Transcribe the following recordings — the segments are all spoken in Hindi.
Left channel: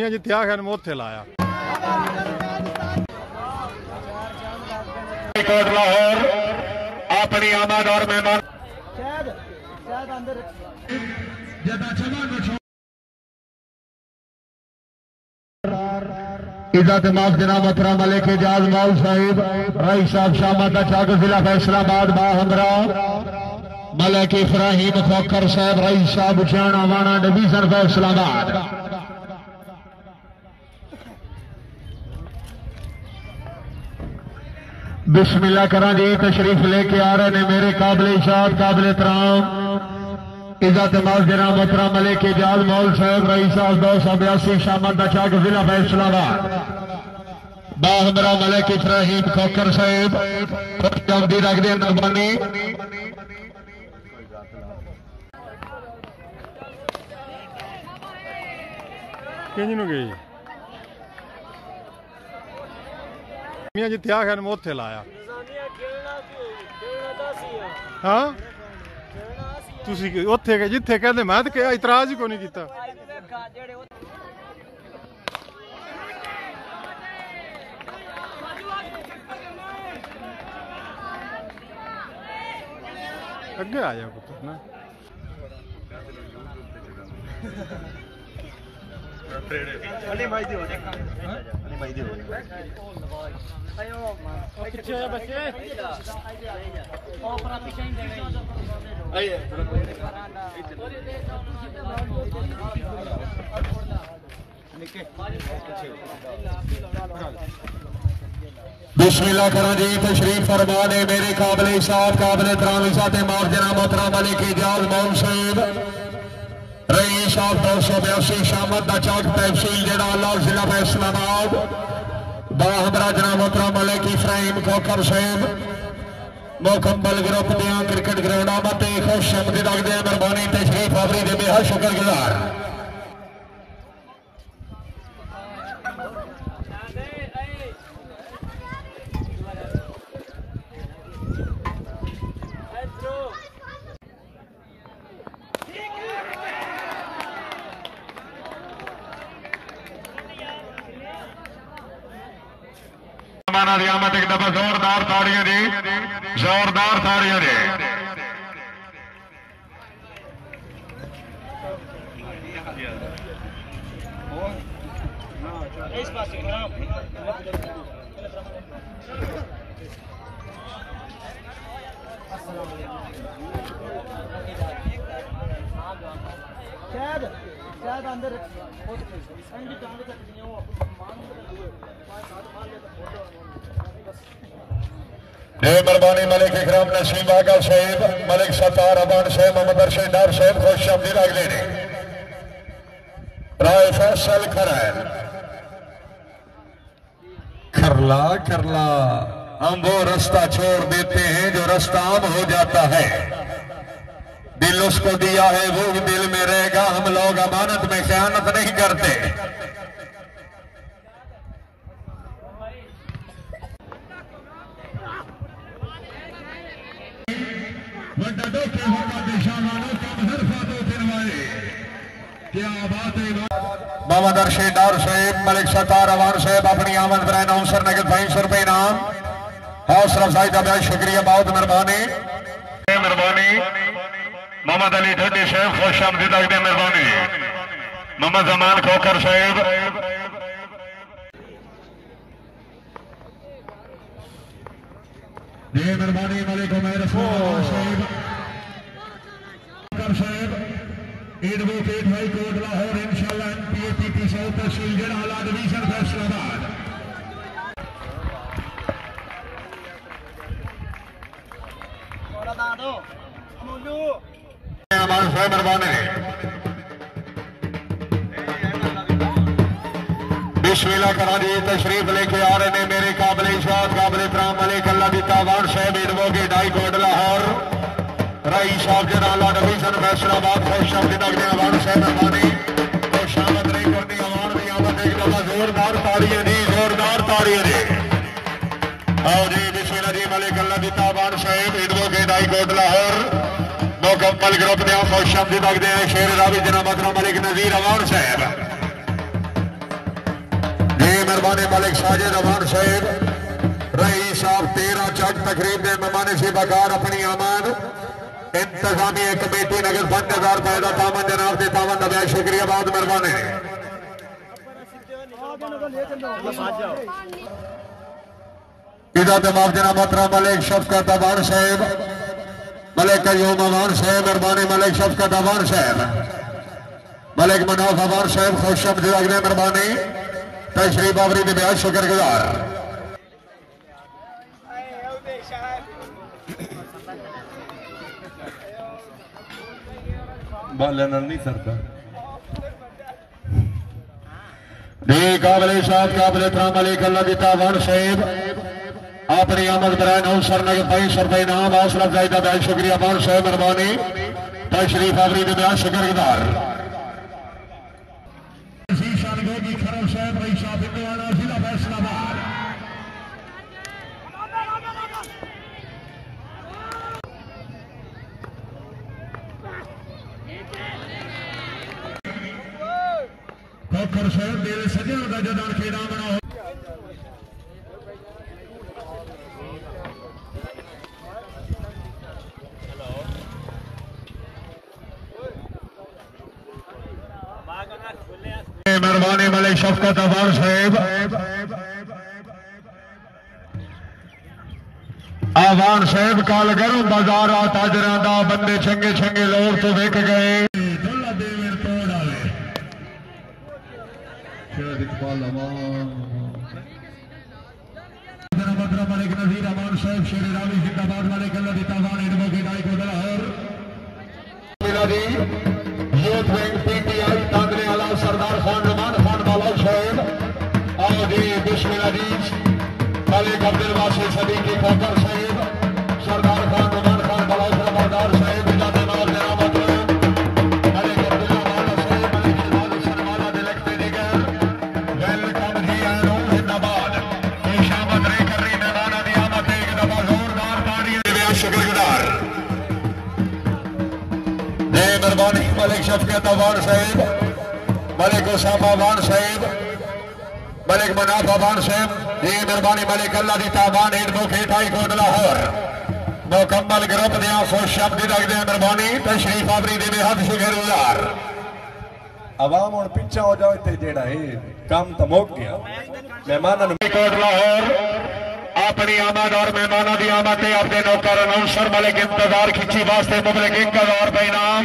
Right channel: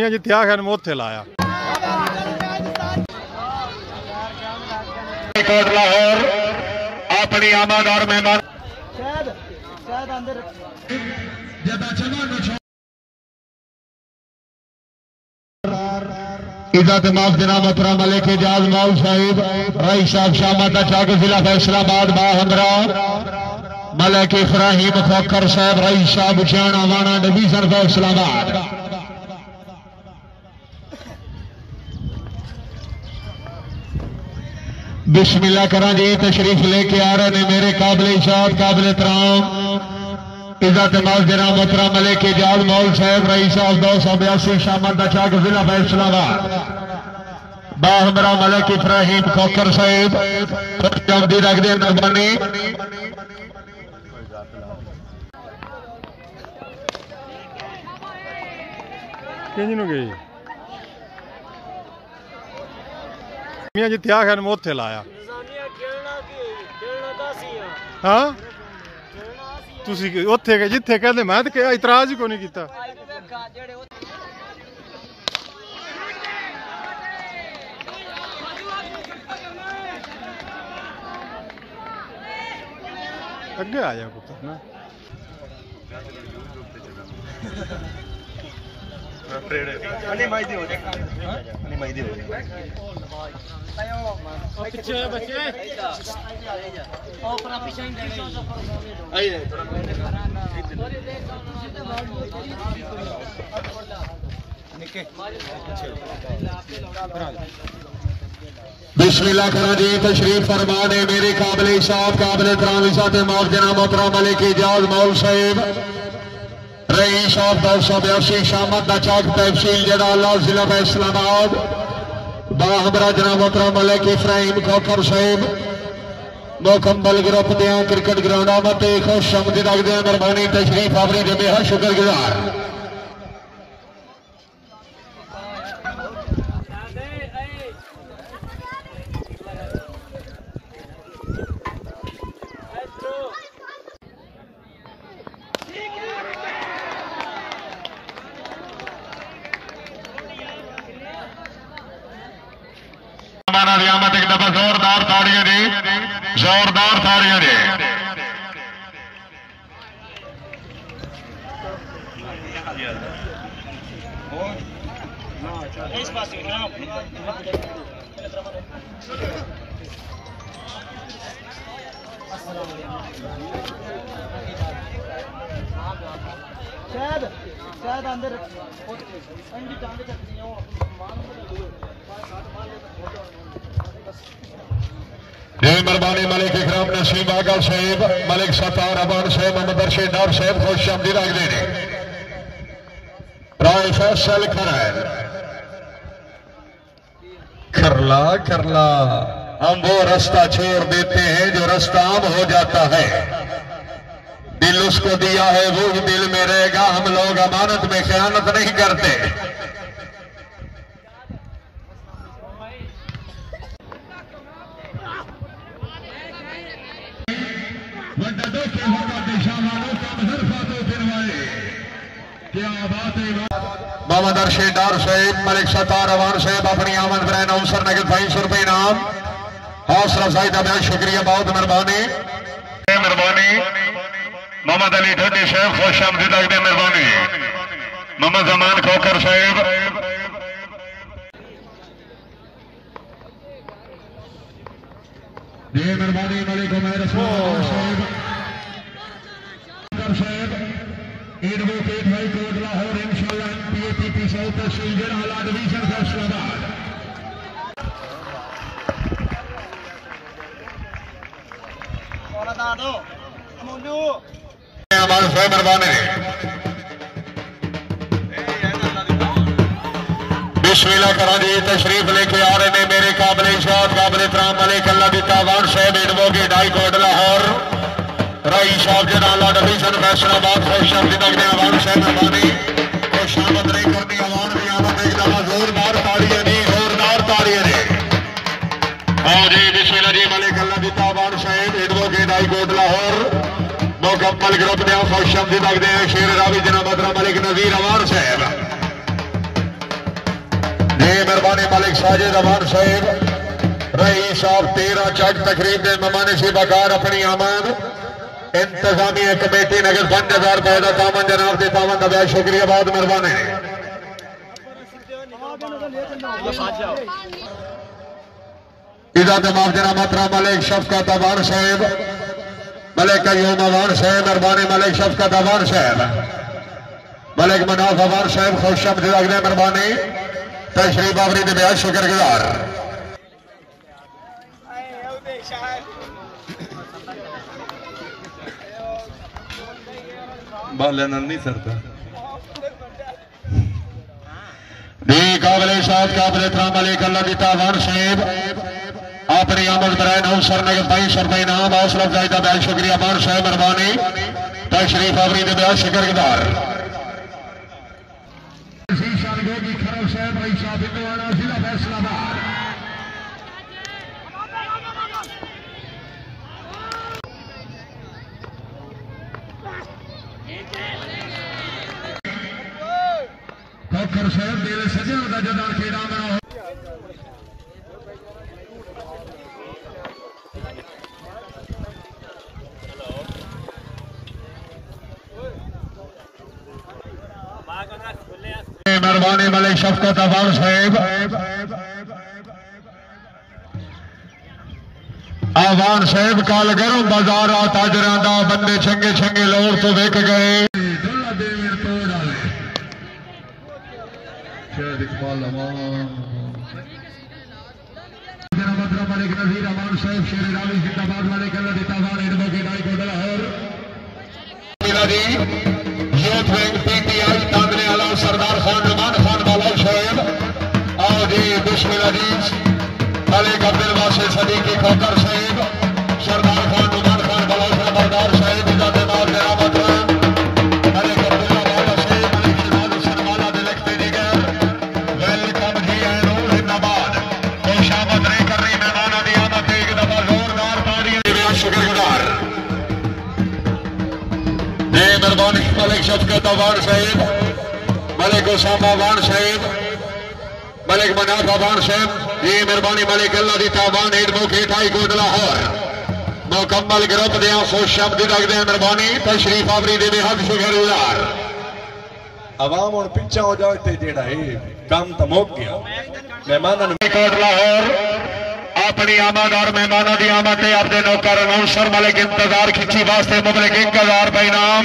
मियां जिथे आखिया मैं उत्थे लाया। लाहौर अपनी आमद और मेहमान इज्जत माफ जनाब मोहतरम मलिक एजाज मौल साहिब रई साहब शामत चाक जिला फैसलाबाद बाहमरा मलिक इब्राहिम खोखर साहब रई साहब उचाना वाणा डिवीजन फैसलाबाद। बिस्मिल्लाह करा जी तशरीफ लेके आ रहे ने मेरे काबिल इजाद काबिल एहतराम इज्जत माफ जनाब मोहतरम मलिक एजाज मौल साहब रई साहब 282 शामत चाक जिला फैसलाबाद बाहमरा मलिक इब्राहिम खोखर साहब जल्दी रख दे मेहरबानी। गई मियां जिथे आखिया मैं उत्थे लाया। हाँ तुसी उत्थे गए जिथे कहते मैं तो इतराज ही को नहीं किया। अगे आ जा पुत्र ना बिस्मिल्लाह करा जी तशरीफ फरमाने मेरे काबिल इसाद काबिल एहतराम इज़्ज़त माफ जनाब मोहतरम मलिक एजाज मौल साहिब रईस साहब 282 शामत दा चौक तहसील जड़ाला जिला फैसलाबाद बाहमरा जनाब मोहतरम मलिक इब्राहिम खोखर साहिब मुकम्मल ग्रुप दियां क्रिकेट ग्राउंड मत खुश आमदीद रखते हैं मेहरबानी तशरीफ आपरी दे बेहद शुक्रगुजार। रियामत एक दफा जोरदार ताड़ियां दे जोरदार ताड़ियां दे शायद अंदर मेहरबानी मलिक इकराम नसीम आगा साहिब मलिक सतार अबान साहिब मोहम्मद अरशद डार साहिब खुश आमदीद रखते हैं राय फैसल खरैल खरला खरला हम वो रास्ता छोड़ देते हैं जो रास्ता आम हो जाता है दिल उसको दिया है वो ही दिल में रहेगा हम लोग अमानत में खयानत नहीं करते। मोहम्मद अरशद डार साहिब मलिक सतार अवान साहिब अपनी आमद पर अनाउंसर नगद 250 रुपए इनाम हौसला अफजाई का बहुत शुक्रिया बहुत मेहरबानी मोहम्मद अली ढोडी साहब खुश आमदीद रखते मेहरबानी मोहम्मद जमान खोखर साहिब मेहरबानी Malik Umair Sahib advocate high court Lahore इंशाअल्लाह पीएपीपी से तहसील जड़ाला डिवीजन फैसलाबाद बिस्मिल्लाह करा जी तशरीफ लेके आ रहे ने मेरे काबिल इजाद काबिल एहतराम मलिक अल्लाह दी तावान साहब एडवोकेट हाई कोर्ट लाहौर रई साहब जनाला डिवीजन फैसलाबाद खुश आमदीद रखते हैं अवान साहब अवानी खुश आमद नहीं करनी अवान की आमद एक दफा जोरदार ताड़ियां दी आओ जी बिस्मिल्लाह जी मलिक अल्लाह दी तावान साहब एडवोकेट हाई कोर्ट लाहौर मुकम्मल ग्रुप ने खुश आमदीद रखते हैं शेर रावी जनाब मोहतरम मलिक नजीर अवान साहब साजिद अमान साहेब रईस साहब 13 चक तकरीब के मेहमान शिबाकार अपनी आमद इंतजामिया कमेटी नगर 5000 रुपए का तामन जनाब के तामन नब्या शुक्रिया बहुत मेहरबानी इधर जनाब जनाब मोहतरम मलिक शफकत अमान साहेब मलिक कयूम अमान साहेब मेहरबानी मलिक शफकत अमान साहेब मलिक मनाफ अमान साहेब खुश आमदीद अगले मेहरबानी तशरीफ आवरी दे बेहद शुक्रगुजार बालन नहीं सरता काबिल शाद काबिल इकराम मलिक अल्लाह की तावान साहेब अपनी आमद बराए नौ सर ने 22 रुपए नाम हौसला अफजाई का बेहद शुक्रिया अमान साहेब मेहरबानी तशरीफ आवरी दे बेहद शुक्रगुजार खोखर साहब मेरे सजन का जदार खेड़ा में मेहरबानी मलिक शफकत अफान साहेब अफान साहेब काल गरम बाजार आ ताजरा दा बंदे चंगे चंगे लोर तो वेख गए मलिक नजीर अमान साहेब शेर रावी जिंदाबाद मलिक अल्लाह दी तावान advocate high court Lahore youth wing PTI तांदरे आला सरदार खान नुमान खान बाला साहेब आदि दुश्मन अजीज मलिक अब्दुल वासिल सदीकी खोकर साहेब सरदार खान नुमान खान बाला सरदार साहेब इजाजत नाज करामत मलिक अब्दुल्ला वाला साहेब मलिक इजाज सरवाला दे लगते दिगर वेलकम जी आलो जिंदाबाद खुशामद रे कर रही मेहमाना दी आमद एक दफा जोरदार तालियां दे शुक्रगुजार मेहरबानी मलिक शफकत अफान साहेब मलिक उसामा अफान साहेब मलिक मनाफ अफान साहेब ये मेहरबानी मलिक अल्लाह दी तावान एडवोकेट हाई कोर्ट लाहौर मुकम्मल ग्रुप दे खुश आमदीद रखते हैं मेहरबानी तशरीफ आवरी दे बेहद शुक्रगुजार आवाम और पीछा हो जाओ ते जेड़ा है काम तो मुक गया मेहमान कोर्ट लाहौर अपनी आमद और मेहमानों की आमद से अपने नौकर अनौंसर मलिक इंतजार खिंची वास्ते मुबलिक 1000 रुपए इनाम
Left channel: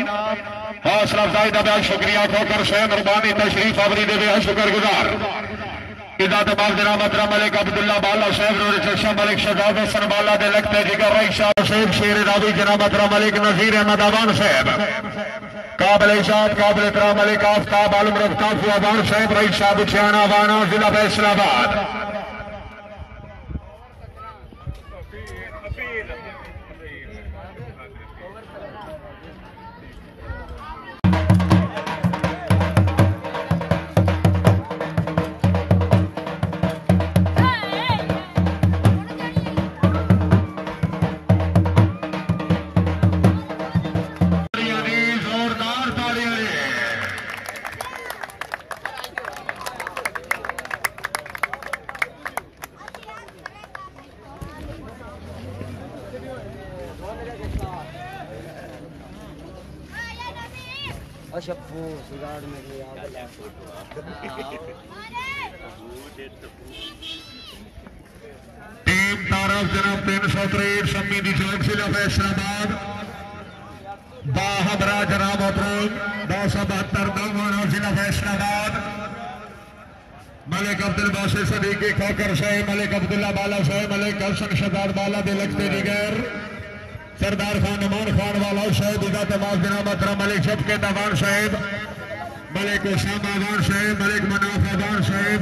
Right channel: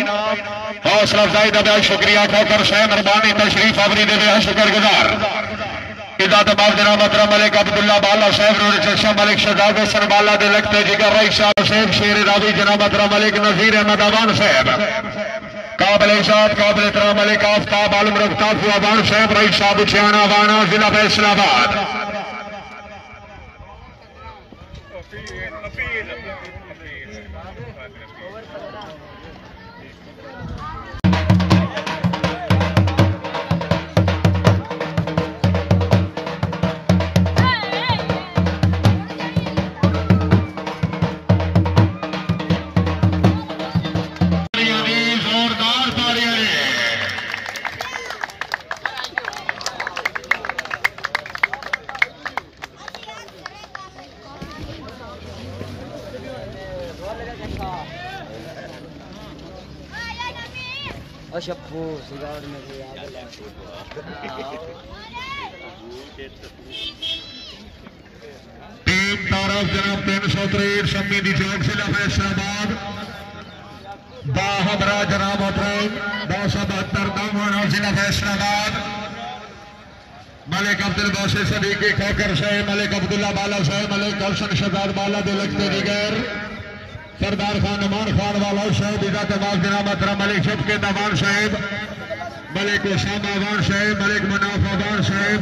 हौसला अफजाई का बेहद शुक्रिया खोकर साहब मेहरबानी तशरीफ आवरी दे बेहद शुक्रगुजार इजाजत बाब जनाब मोहतरम मलिक अब्दुल्ला बाला साहब नूर चशा मलिक शहजाद हुसैन बाला दे लगते जिगर रईसा साहब शेर रावी जनाब मोहतरम मलिक नजीर अहमद अवान साहब काबिल इजाद काबिल इकराम मलिक आफ्ताब आलम रफ्तार अवान साहब रईसा बुछियाना वाना जिला फैसलाबाद अशफू सिगार में टीम तारफ जनाब 363 शम्मी दी जान जिला फैसलाबाद बाहदरा जनाब मोहतरम 272 दामन जिला फैसलाबाद मलिक अब्दुल बासिल सदीकी खोकर साहेब मलिक अब्दुल्ला बाला साहेब मलिक हसन शहजाद बाला दे लगते दिगर सरदार खान नुमान खान वाला साहेब इजाजत नाज जनाब मोहतरम मलिक शफकत अफान साहेब मलिक उसामा अफान साहेब मलिक मनाफ अफान साहेब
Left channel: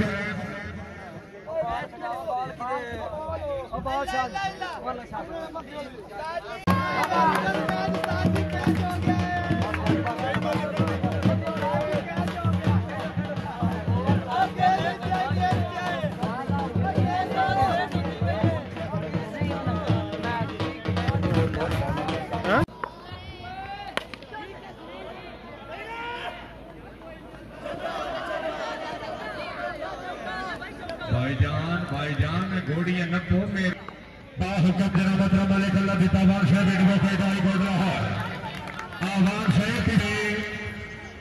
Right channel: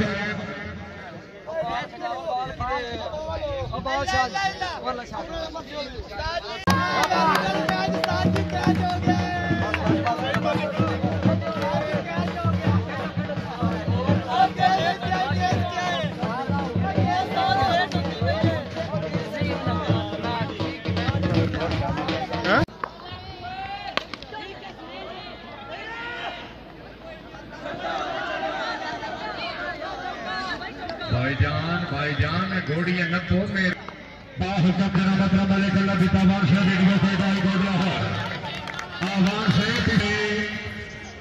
भाई भाईजान घोड़ियां नपो मेरे बाहुकम जना बदरा मलिक अल्लाह बितावान शाह देड़ियों से दाई गोदला हो आवान से पीड़े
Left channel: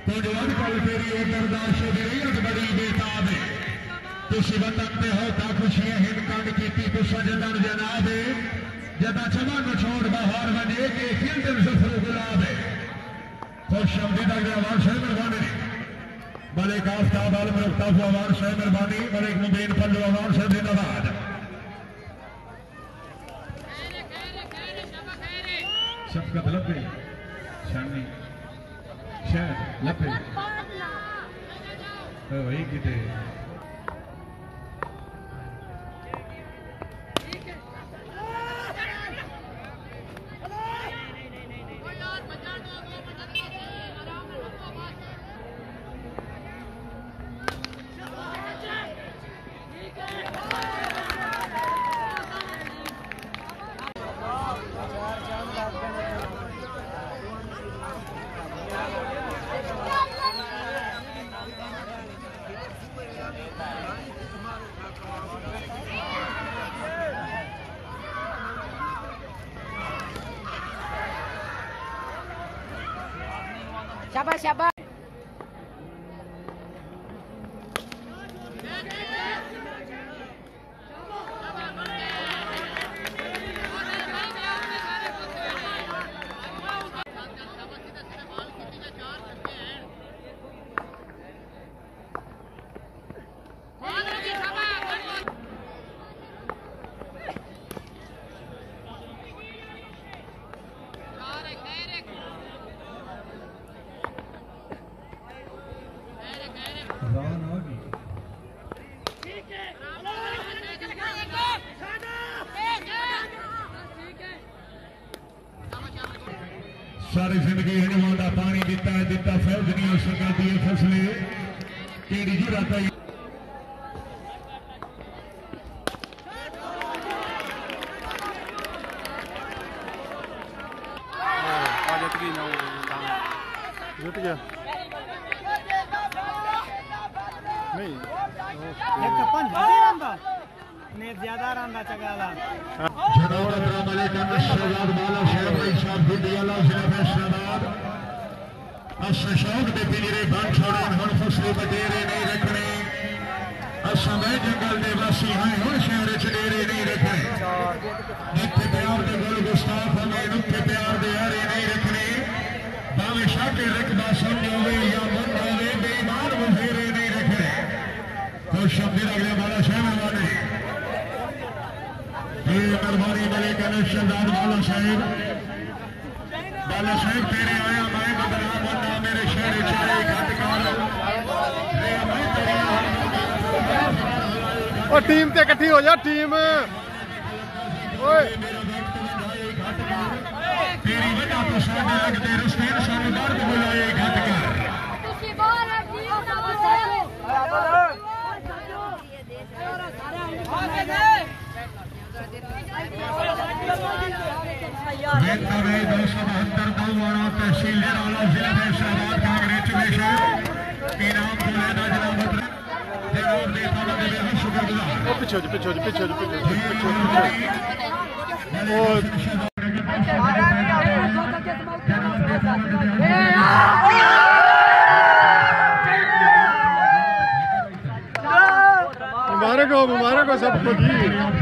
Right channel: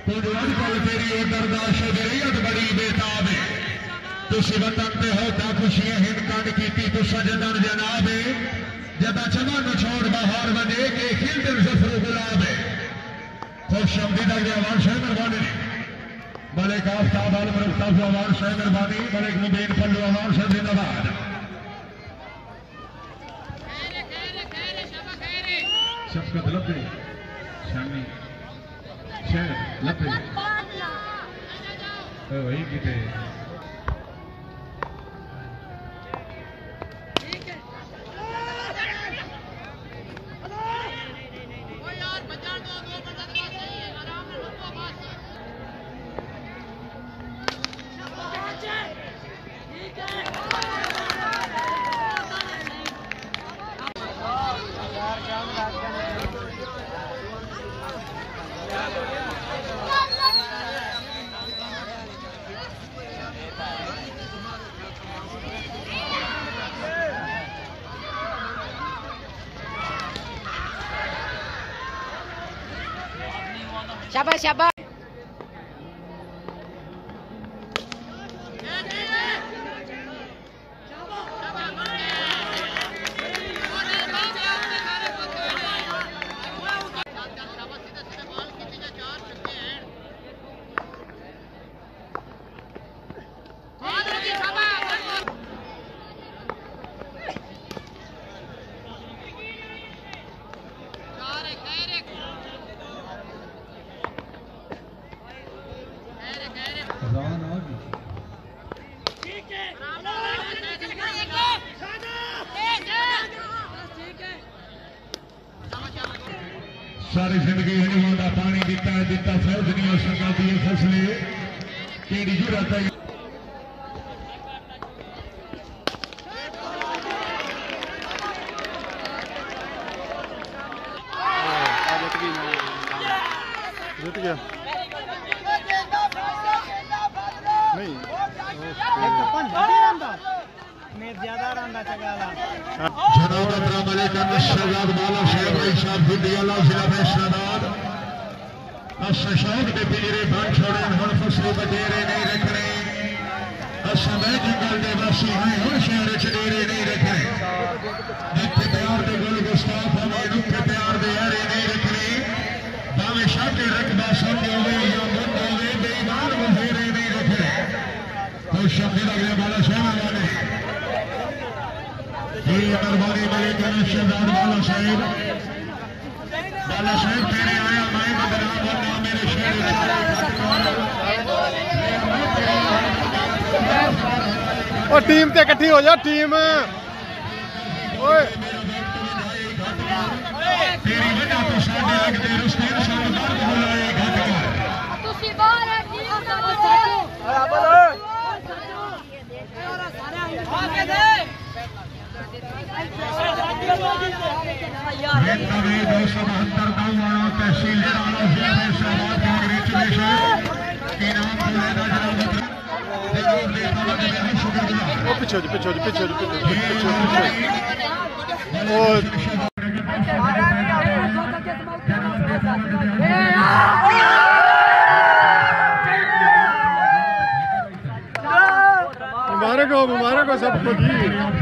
कुछ कल तेरी बर्दाश्त शरीयत बड़ी बेताब है तुसी वतन ते हो ता खुशियां हिंदकान कीती तो सजदर जनाब है जदा चमन छोड़ बाहर वने के खिलदर जफर गुलाब है खुश आमदीद आवान शाह मेहरबानी मलिक आफ्ताब आलम रफ्तार आवान शाह मेहरबानी मलिक मुबीन फल्लू आवान शाह जिंदाबाद शफकत लपे शानी शहर लपे ओ वही किते शाबाश शाबाश सारी जिंदगी हनुमान का पानी दिता है दिता फौज नहीं हो सकती है फसले केड़ी जरूरत है जीत गया नहीं ज्यादा रंगा चगाला जनाब अस्सलाम वालेकुम शहजाद बाला शहजाद साहब गुडियाला जिला फैसलाबाद शौक दे पिंजरे बंद छोड़े हुण फसले बडेरे नहीं रखने असमें जंगल दे वासी हैं हुण शहर च डेरे नहीं रखने जिथे प्यार दे गुल गुस्ताख होवे उत्थे प्यार दे यारे नहीं रखने भावे शाके रकबा समझोगे या मुंडोगे बेईमान वजीरे नहीं रखने खुश शब्द अगले बाला शहजाद दरबारी मलिक शहजाद बाला साहेब तेरे आया मैं बदला बनना मेरे शहर और टीम ते इकट्ठी हो जा टीम ओए तेरी वजह तो साडे लगदे रुस्तैन साहब दर्द बुलाए ਤੁਸੀਂ ਬਾਹਰ ਆ ਕੀ तहसील पीछे मुबारक हो सबको जी